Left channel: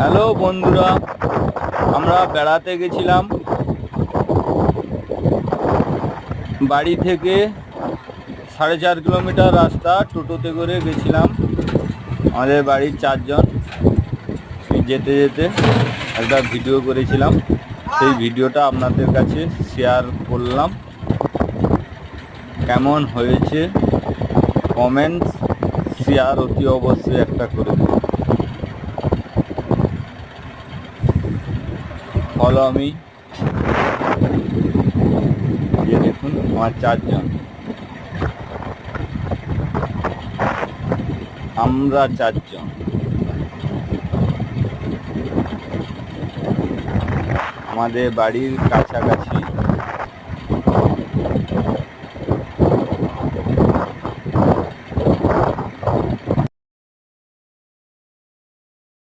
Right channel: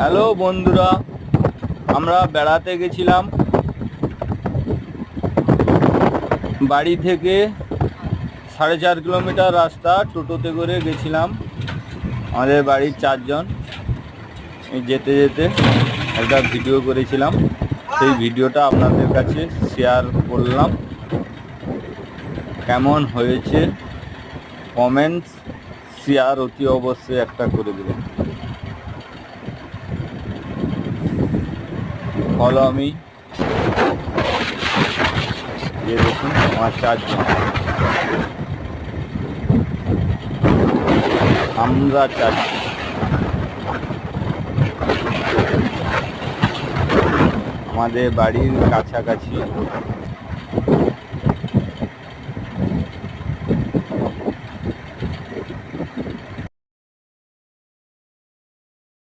Hello বন্ধুরা, আমরা বেড়াতে গেছিলাম। বাড়ি থেকে 4.5 কিলোমিটার রাস্তা টোটোতে করে গেছিলাম। আমাদের বাড়ির 4 জন। যেতে যেতে একটা ভিডিও করেছিলাম, সেই ভিডিওটা আপনাদের কাছে শেয়ার করলাম। কেমন হয়েছে কমেন্টস শেয়ার অতি অবশ্যই একটা করে দেবেন। ফলো আমি। ये দেখুন আমার 4 জন, আমরা 4 জন। আমাদের বাড়ির কাছাকাছি